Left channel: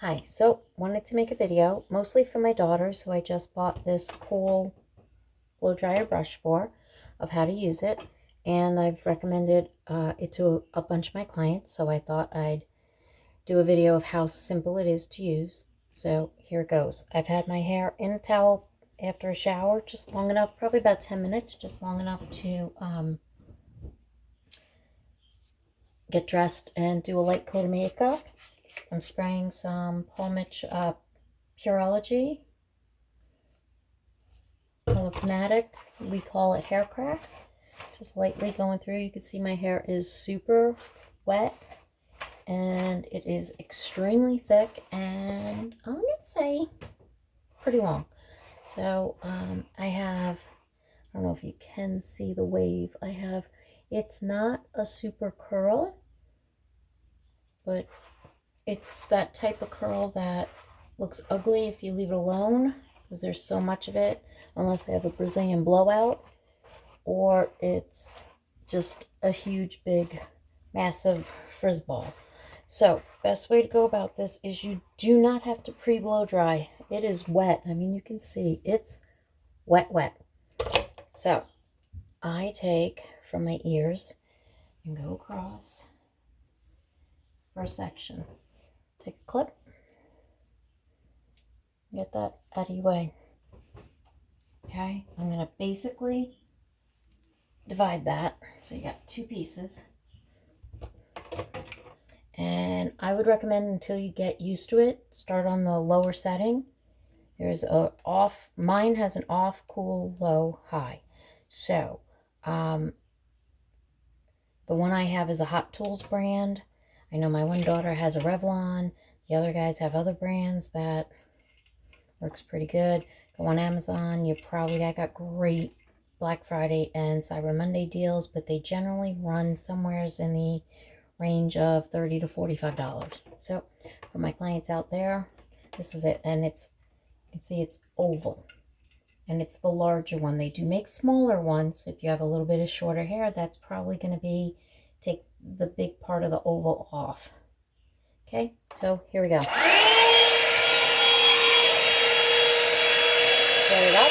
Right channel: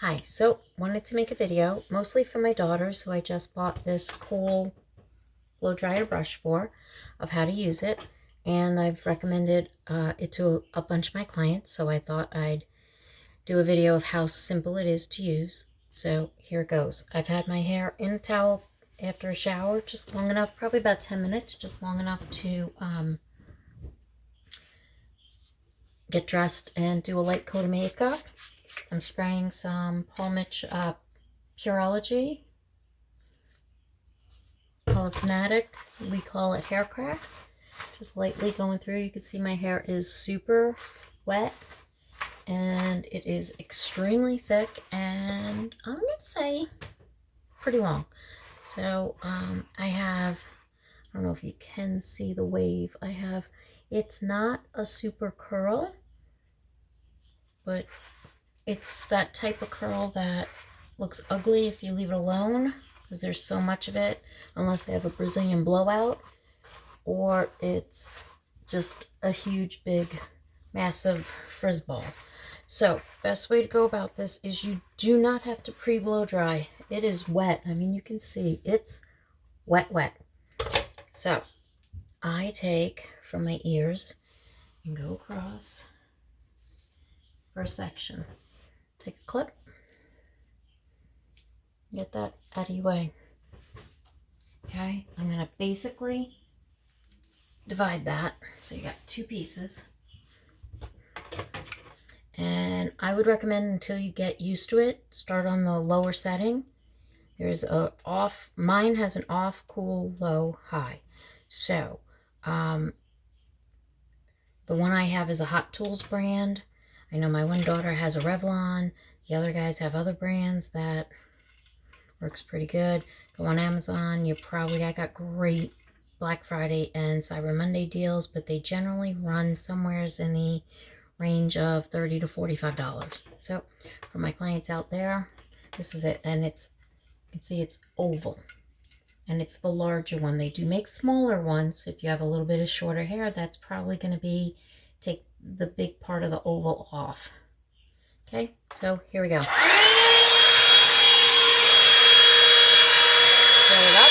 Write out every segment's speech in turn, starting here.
Hi, so wanted to make a video mostly for my daughter, so I just bought this cool blow dryer brush for of how to use it, and I've recommended it to a bunch of my clients, so I thought I'd do a video of how simple it is to use. So here it goes. I've had my hair in a towel after a shower just long enough, probably about 10 minutes, just long enough to get dressed and do a light coat of makeup. I'm spraying some Paul Mitch Pureology Color Fanatic. We call it hair crack. Just lightly going through. You can see my hair is super wet and it is extremely thick and I'm gonna say pretty long. So I don't know if you can see the wave. It's not a super curl, but it's that type of curl that looks ugly if you leave it alone, because there's so much of it, unless they have a Brazilian blowout, or it's just a huge, big, massive frizz ball. So, best way to go about this is you do not have to pre-blow dry. It is wet. I mean, you can see it's wet, wet. So, I take from my ears and go across first section. Take a clip. Get that out of your way. Okay, I'm going to basically divide that. So you got two pieces. And I would recommend, until you get used to it, start on the lower setting. There's a off, mine has an off, cool, low, high. So the one I have is a Hot Tools brand. I know my one daughter has a Revlon. The other guys have other brands that works pretty good. Go on Amazon. I got great Black Friday and Cyber Monday deals, but they generally run somewhere in the range of $30 to $45. So for my clients out there, this is it. And you can see it's oval. And it's the larger one. They do make smaller ones. If you have a little bit of shorter hair, that's probably going to take the big part of the oval off. Okay, so here we go. Fill it up.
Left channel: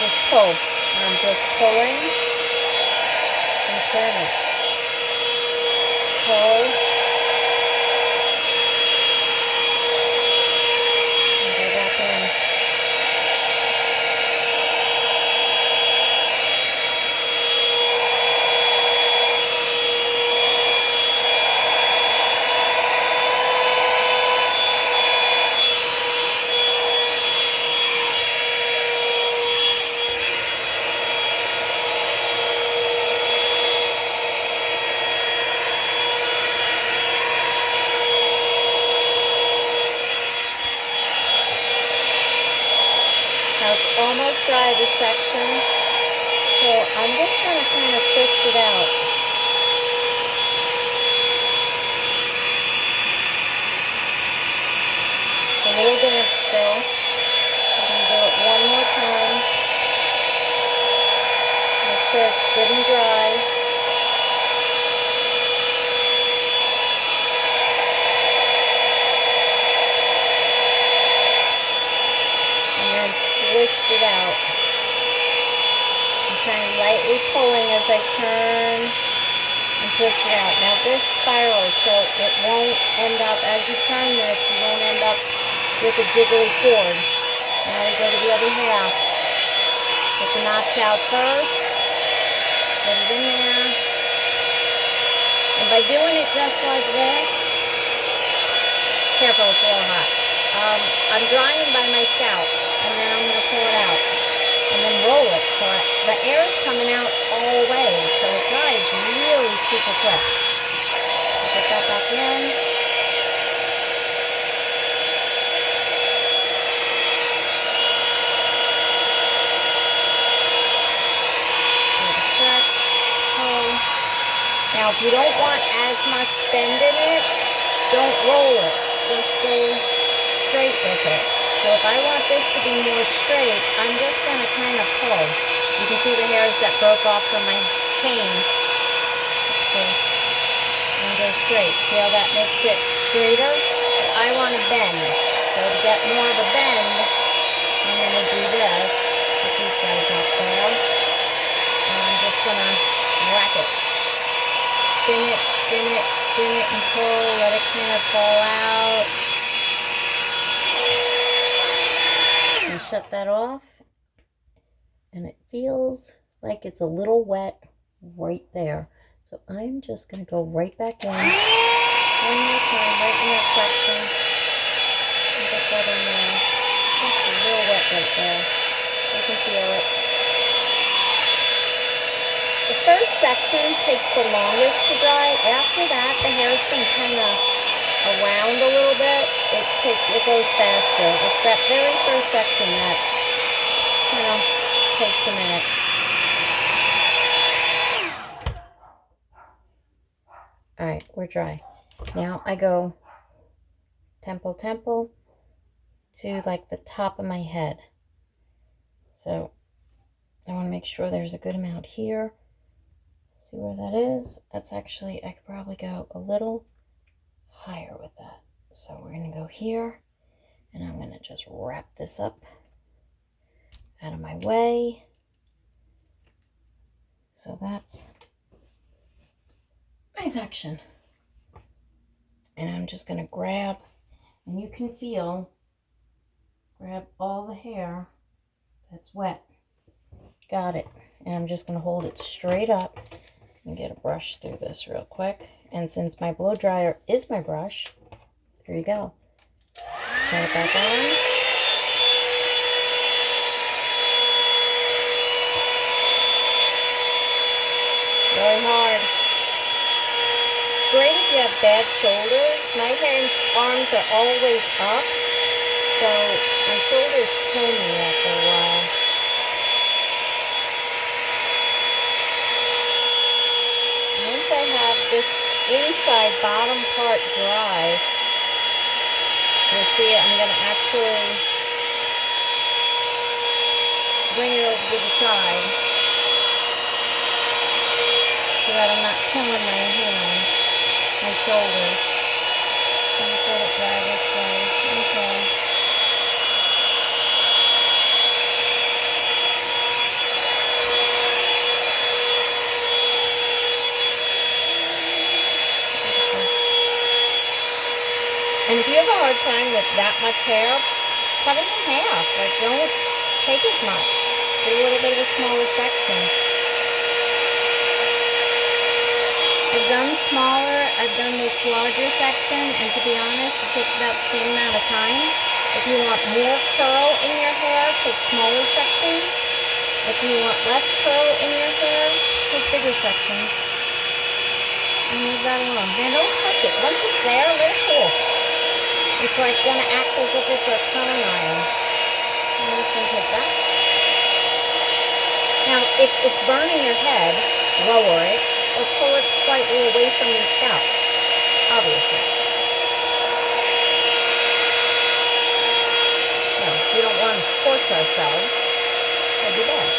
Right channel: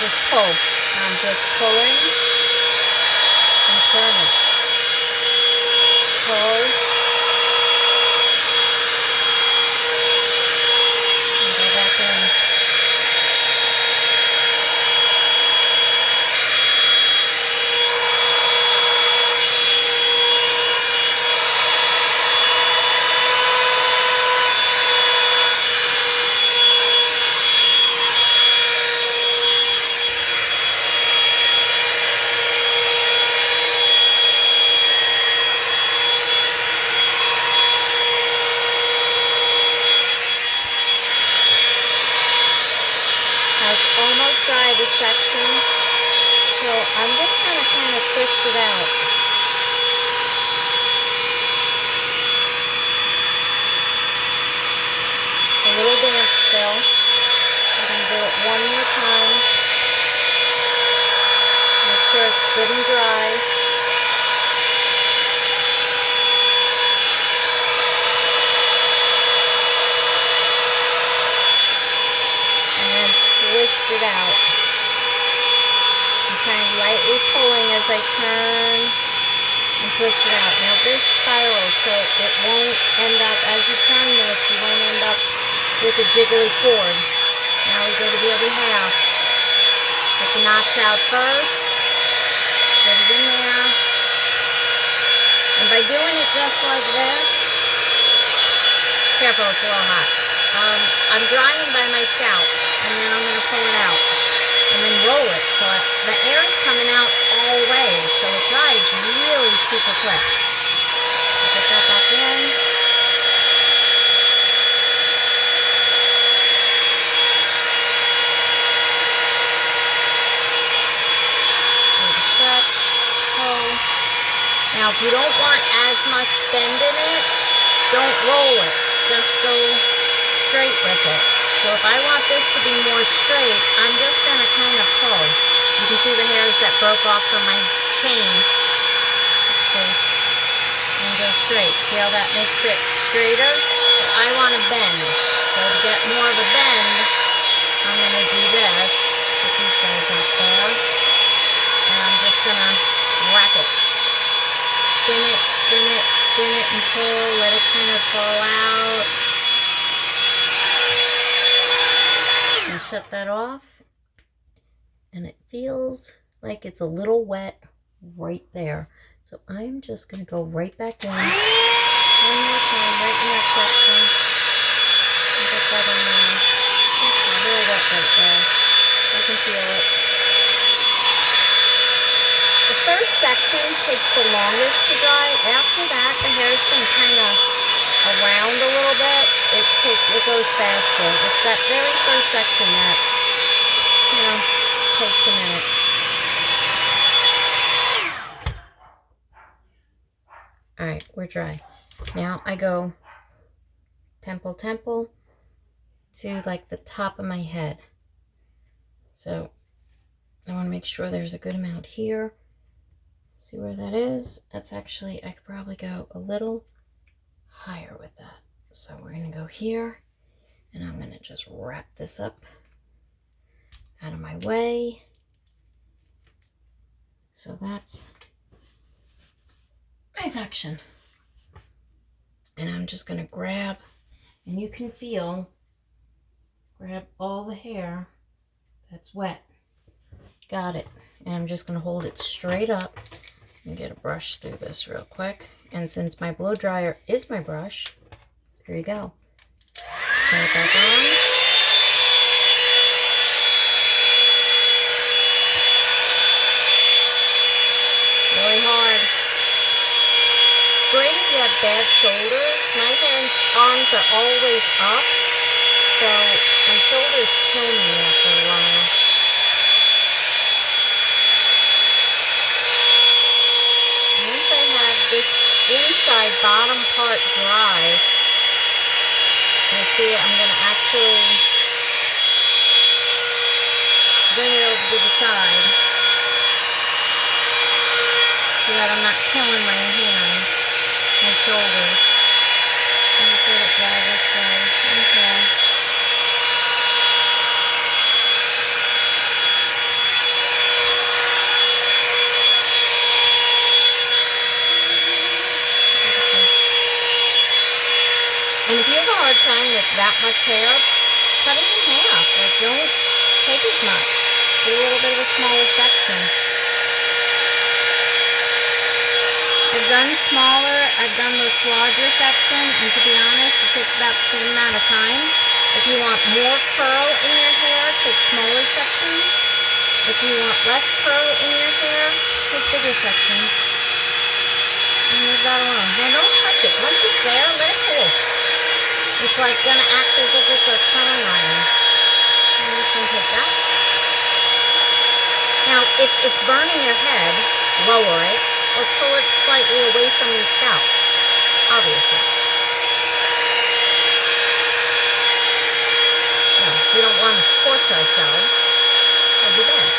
Just pull. I'm just pulling and turning. Pull. And go back in. Now it's almost dry, this section, so I'm just going to kind of twist it out. A little damp still. I'm going to do it one more time. Make sure it's good and dry. Twist it out. I'm kind of lightly pulling as I turn and twist it out. Now this spirals, so it won't end up, as you turn this, you won't end up with a jiggly cord. Now we go to the other half. Get the knots out first. Get it in there. And by doing it just like this, careful, it's a little hot. I'm drying by my scalp, and then I'm going to pull it out and then roll it so the air is coming out all ways, so it dries really super quick. Get that back in. Stretch, pull. Now if you don't want as much bend in it, don't roll it, just go straight with it. So if I want this to be more straight, I'm just going to kind of pull. You can see the hairs that broke off from my chain. Let's see. And go straight. See how that makes it straighter? But I want to bend. So to get more of a bend, I'm going to do this. Put these guys up there. And I'm just going to wrap it. Spin it, spin it, spin it and pull. Let it kind of fall out. And shut that off. And it feels like it's a little wet right there. So I'm just going to go right back in. One more time, right in that section. Get that in there. It's a little wet right there. I can feel it. The first section takes the longest to dry. After that, the hair's been kind of around a little bit. It goes faster. It's that very first section that, you know, takes a minute. Alright, we're dry. Now I go temple to like the top of my head. So I want to make sure there's a good amount here. See where that is? That's actually, I could probably go a little higher with that. So we're going to go here, and I'm going to just wrap this up out of my way. So that's my section. And I'm just going to grab, and you can feel, grab all the hair that's wet. Got it. And I'm just going to hold it straight up and get a brush through this real quick. And since my blow dryer is my brush, here you go. Turn it back on. Really hard. Great if you have bad shoulders. My arms are always up, so my shoulders kill me after a while. Once I have this inside bottom part dry, you see I'm going to actually bring it over to the side so that I'm not killing my hand, my shoulders. I'm just let it dry this way. Okay. And if you have a hard time with that much hair, cut it in half. Like, don't take as much. Do a little bit of a smaller section. I've done smaller, I've done this larger section, and to be honest, it takes about the same amount of time. If you want more curl in your hair, take smaller sections. If you want less curl in your hair, take bigger sections. And leave that alone. Now don't touch it. Once it's there, let it cool. It's like gonna act as if it's a curling iron. I'm just gonna take that. Now, if it's burning your head, lower it or pull it slightly away from your scalp. Obviously. No, we don't want to scorch ourselves. That'd be bad.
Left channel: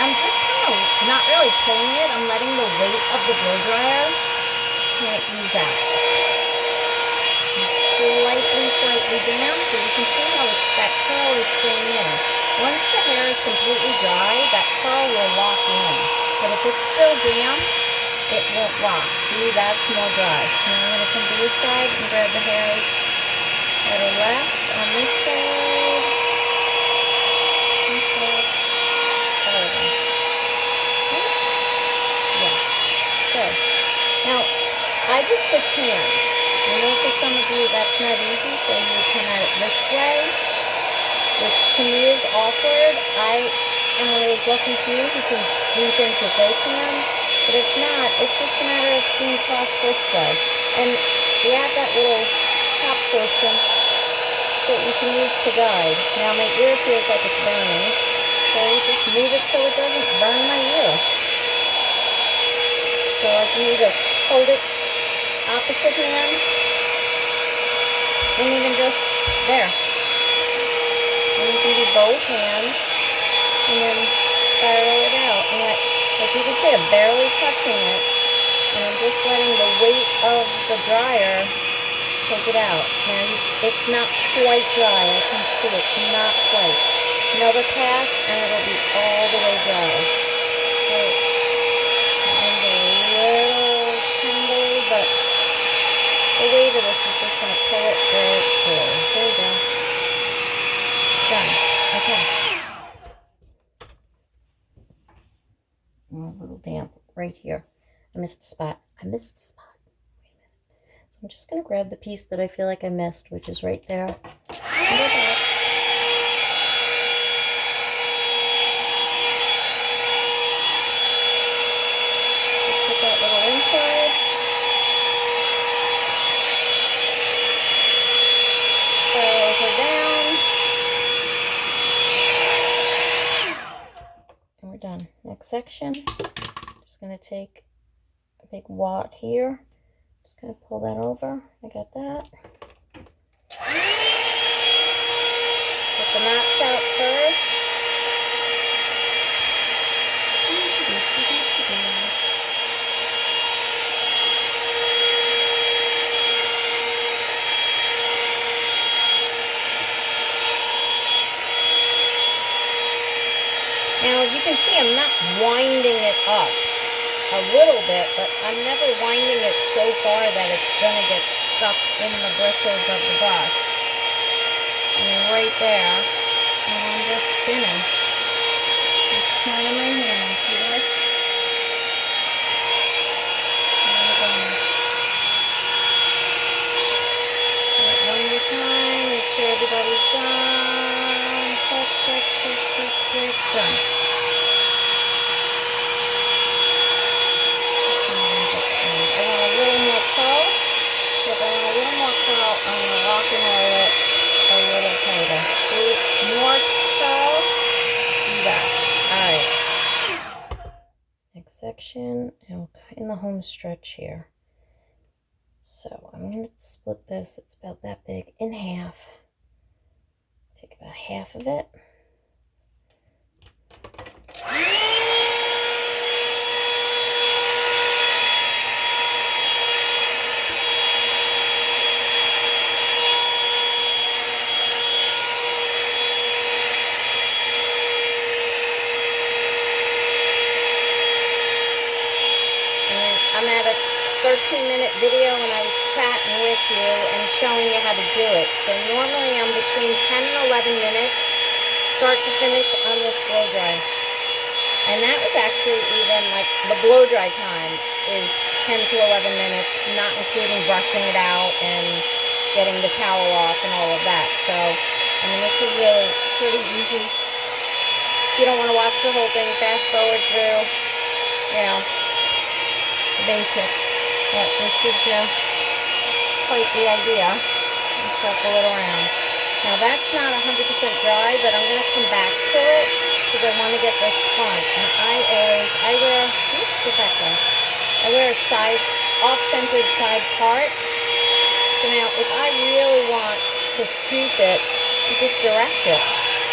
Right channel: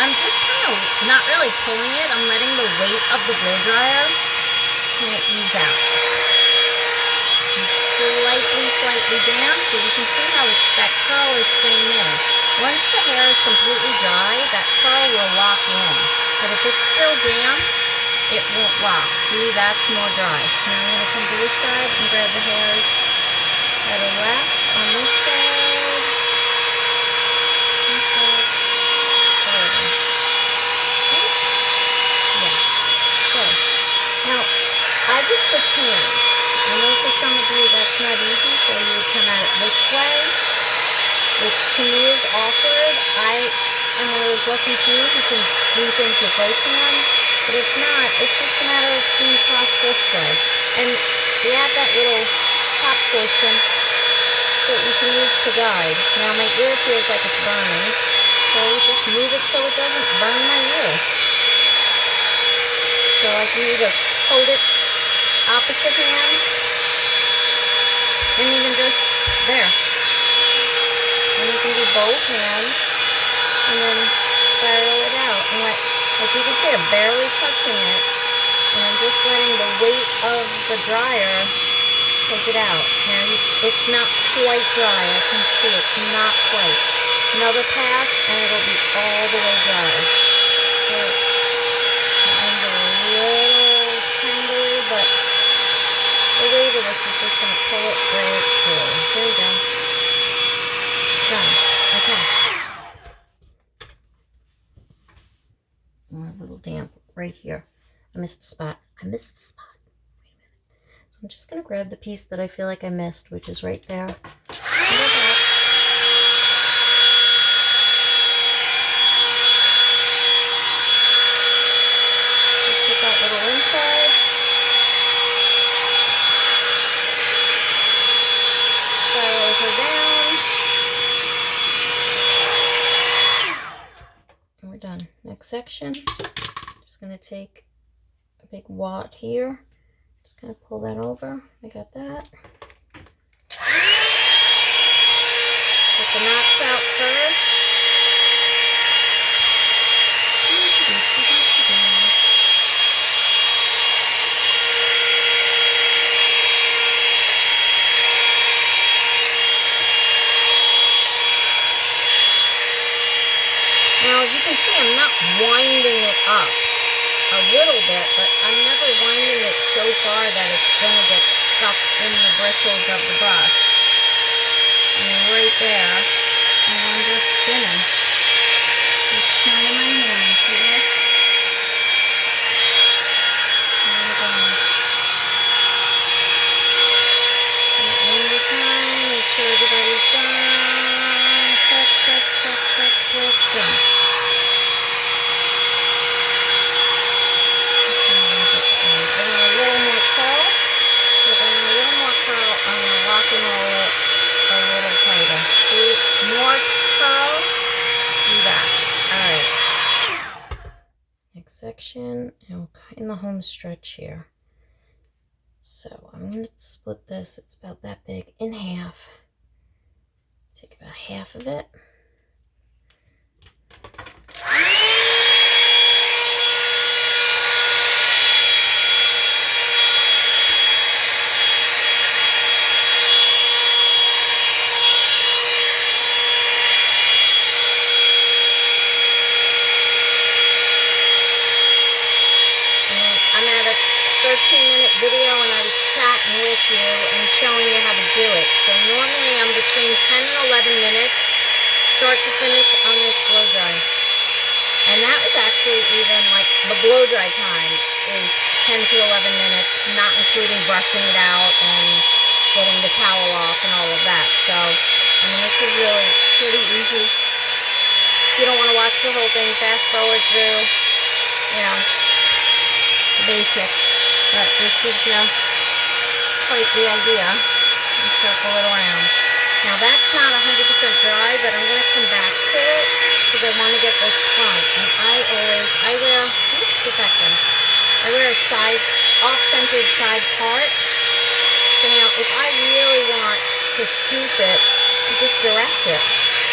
I'm just kind of not really pulling it. I'm letting the weight of the blow dryer kind of ease out. Slightly down, so you can see how that curl is staying in. Once the hair is completely dry, that curl will lock in. But if it's still damp, it won't lock. See, that's more dry. Now I'm going to come to this side and grab the hairs that are left on this side. This side. Yeah. Good. Now, I just switch hands. I know for some of you that's not easy, so you would come at it this way, which to me is awkward. I am one of those lucky few who can do things with both hands, but if not, it's just a matter of being tossed this way. And we add that little top portion that you can use to guide. Now my ear feels like it's burning, so just move it so it doesn't burn my ear. So I can either hold it opposite hand, and even just There. And you can do both hands and then spiral it out. And like you can see, I'm barely touching it. And I'm just letting the weight of the dryer take it out. Now, it's not quite dry. I can see it's not quite. Another pass, and it'll be all the way dry. So, mine's a little tangly, but the weight of this is just going to pull it right through. There you go. Done. Okay. A little damp right here. I missed a spot. Wait a minute. So I'm just going to grab the piece that I feel like I missed, which is right there. Just put that little inside. Spiral her down. And we're done. Next section. Just going to take a big wad here. Just going to pull that over. I got that. Get the knots out first. Now, as you can see, I'm not winding it up. A little bit, but I'm never winding it so far that it's going to get stuck in the bristles of the brush. And right there, and I'm just spinning. Just turning my hand, see this? There we go. Do it one more time, make sure everybody's done. Click, click, click, click, click, done. I'm going to rock and roll it a little tighter. See, more curl, do that. Alright. Next section, and in the home stretch here. So I'm going to split this, it's about that big, in half. Take about half of it. I'm at a 13-minute video and I was chatting with you and showing you how to do it. So normally I'm between 10 and 11 minutes, start to finish on this blow dry. And that was actually even like the blow dry time is 10 to 11 minutes, not including brushing it out and getting the towel off and all of that. So, I mean, this is really pretty easy. If you don't want to watch the whole thing, fast forward through, you know, basics, but this gives you quite the idea. And circle it around. Now that's not 100% dry, but I'm going to come back to it because I want to get this front. And I wear, oops, get back there. I wear a side, off-centered side part. So now if I really want to scoop it, you just direct it.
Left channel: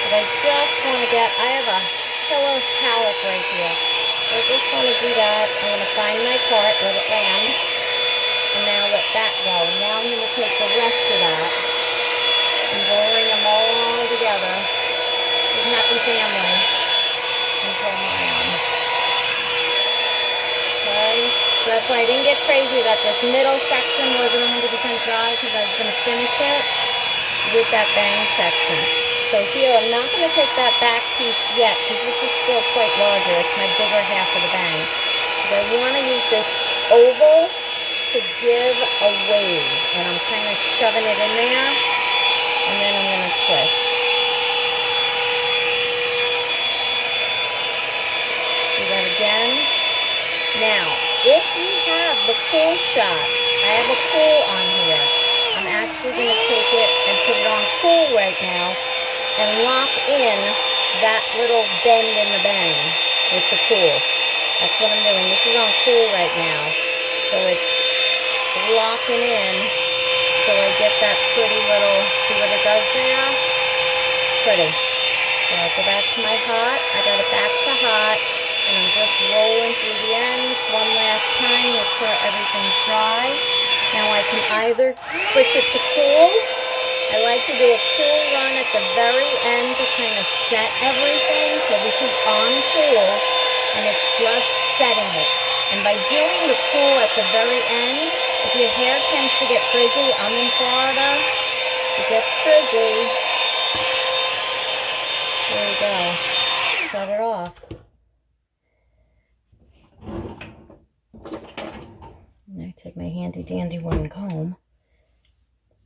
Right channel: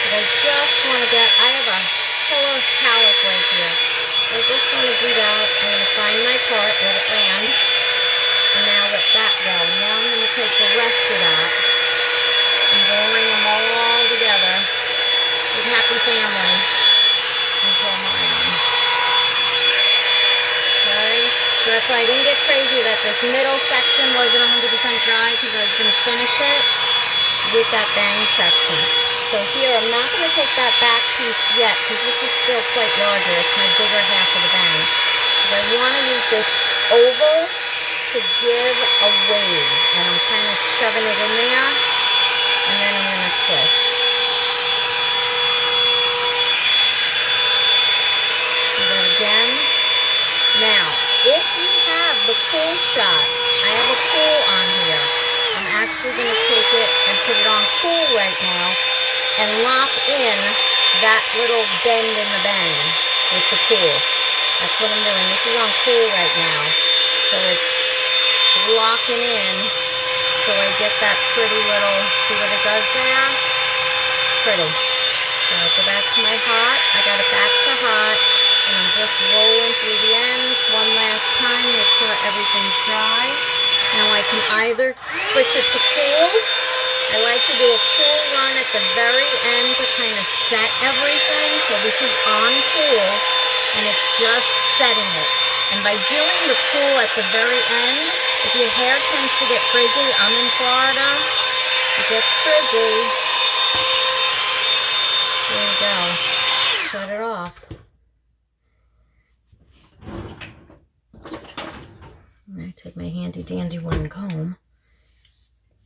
But I just want to get, I have a killer palette right here. So I just want to do that. I'm going to find my part, let it land, and now let that go. Now I'm going to take the rest of that and bring them all together with Happy Family and pull them around. Okay, so that's why I didn't get crazy that this middle section wasn't 100% dry because I was going to finish it with that bang section. So here, I'm not going to take that back piece yet because this is still quite larger. It's my bigger half of the bang. But I want to use this oval to give a wave. And I'm kind of shoving it in there. And then I'm going to twist. Do that again. Now, if you have the pull shot, I have a pull on here. I'm actually going to take it and put it on pull right now. And lock in that little bend in the bang with the pull. That's what I'm doing. This is on pull right now. So it's locking in so I get that pretty little, see what it does there? Pretty. So I'll go back to my hot. I got it back to hot, and I'm just rolling through the ends one last time, make sure everything's dry. Now I can either switch it to cool. I like to do a cool run at the very end to kind of set everything. So this is on cool, and it's just setting it. And by doing the cool at the very end, if your hair tends to get frizzy, I'm in Florida, it gets frizzy. There you go. Shut it off. And I take my handy dandy wooden comb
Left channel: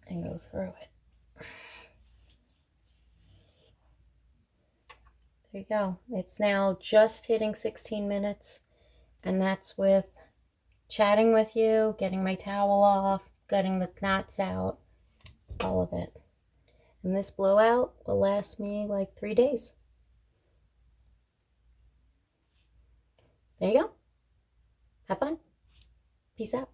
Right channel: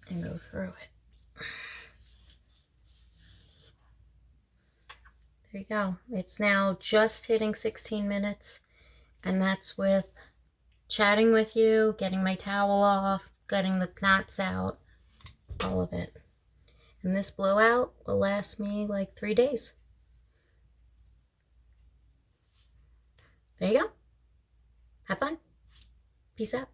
and go through it. There you go. It's now just hitting 16 minutes, and that's with chatting with you, getting my towel off, getting the knots out, all of it. And this blowout will last me like 3 days. There you go. Have fun. Peace out.